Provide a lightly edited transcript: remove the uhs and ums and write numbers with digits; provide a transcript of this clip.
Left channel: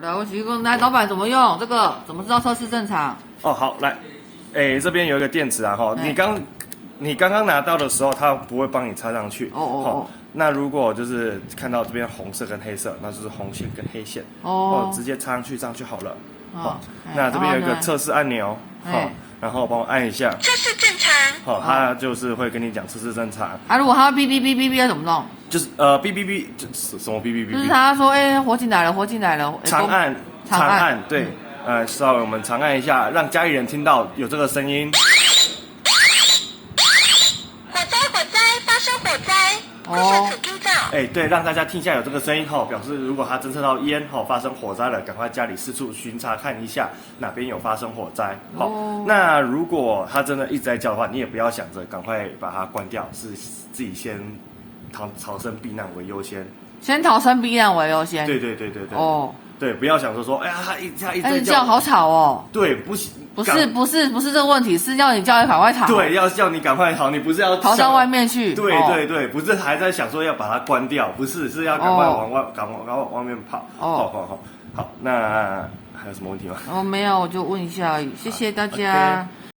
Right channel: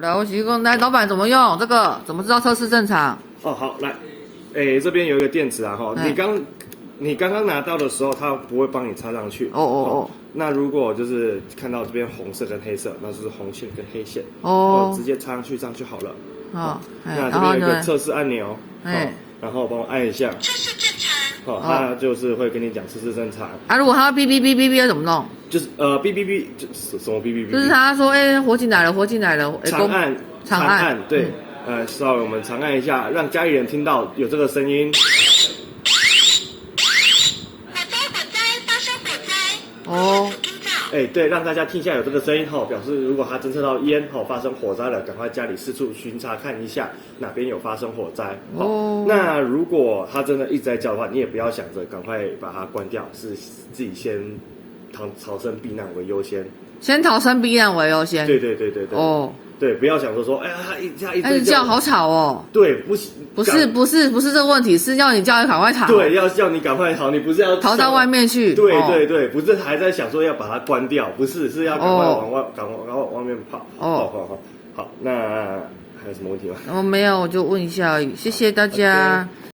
了不起，来，老板怎么用这个？怎么知道测试正常？哦，好，来，这边有一个电池啊，哈，你刚刚拿到的时候，它不会帮你插上去。那如果就是看到这边红色跟黑色，那就是红线跟黑线。直接插上去，这样就好了。那这边有一个测试按钮，然后帮我按一下。测试正常。好，它就是会跟你讲测试正常。啊，如果它哔哔哔哔哔要怎么弄？就是哔哔哔，就是什么哔哔哔？就是他说，活进来了，活进来了。长按，对，稍微我们长按一下，让家里人听到有这个声音。火灾，发生火灾。对，让大家听一下有这个声音表示如果他侦测到烟发生火灾了，赶快家里四处巡查看一下哪边有发生火灾。那如果他真的一直在叫的话，你也不要想着赶快把它关掉，是自己先逃生避难为优先。先逃生避难为优先。对。对，不要想着说，他一直叫好吵哦。对，不行，不是这个问题，是要你赶快逃。对，要叫你赶快逃，你不是要逃到外面去。对，不是还在想说要把它关掉，不是，是要赶快往外面跑。好，那还有什么问题吗？没有，我就问一下而已，谢谢大家。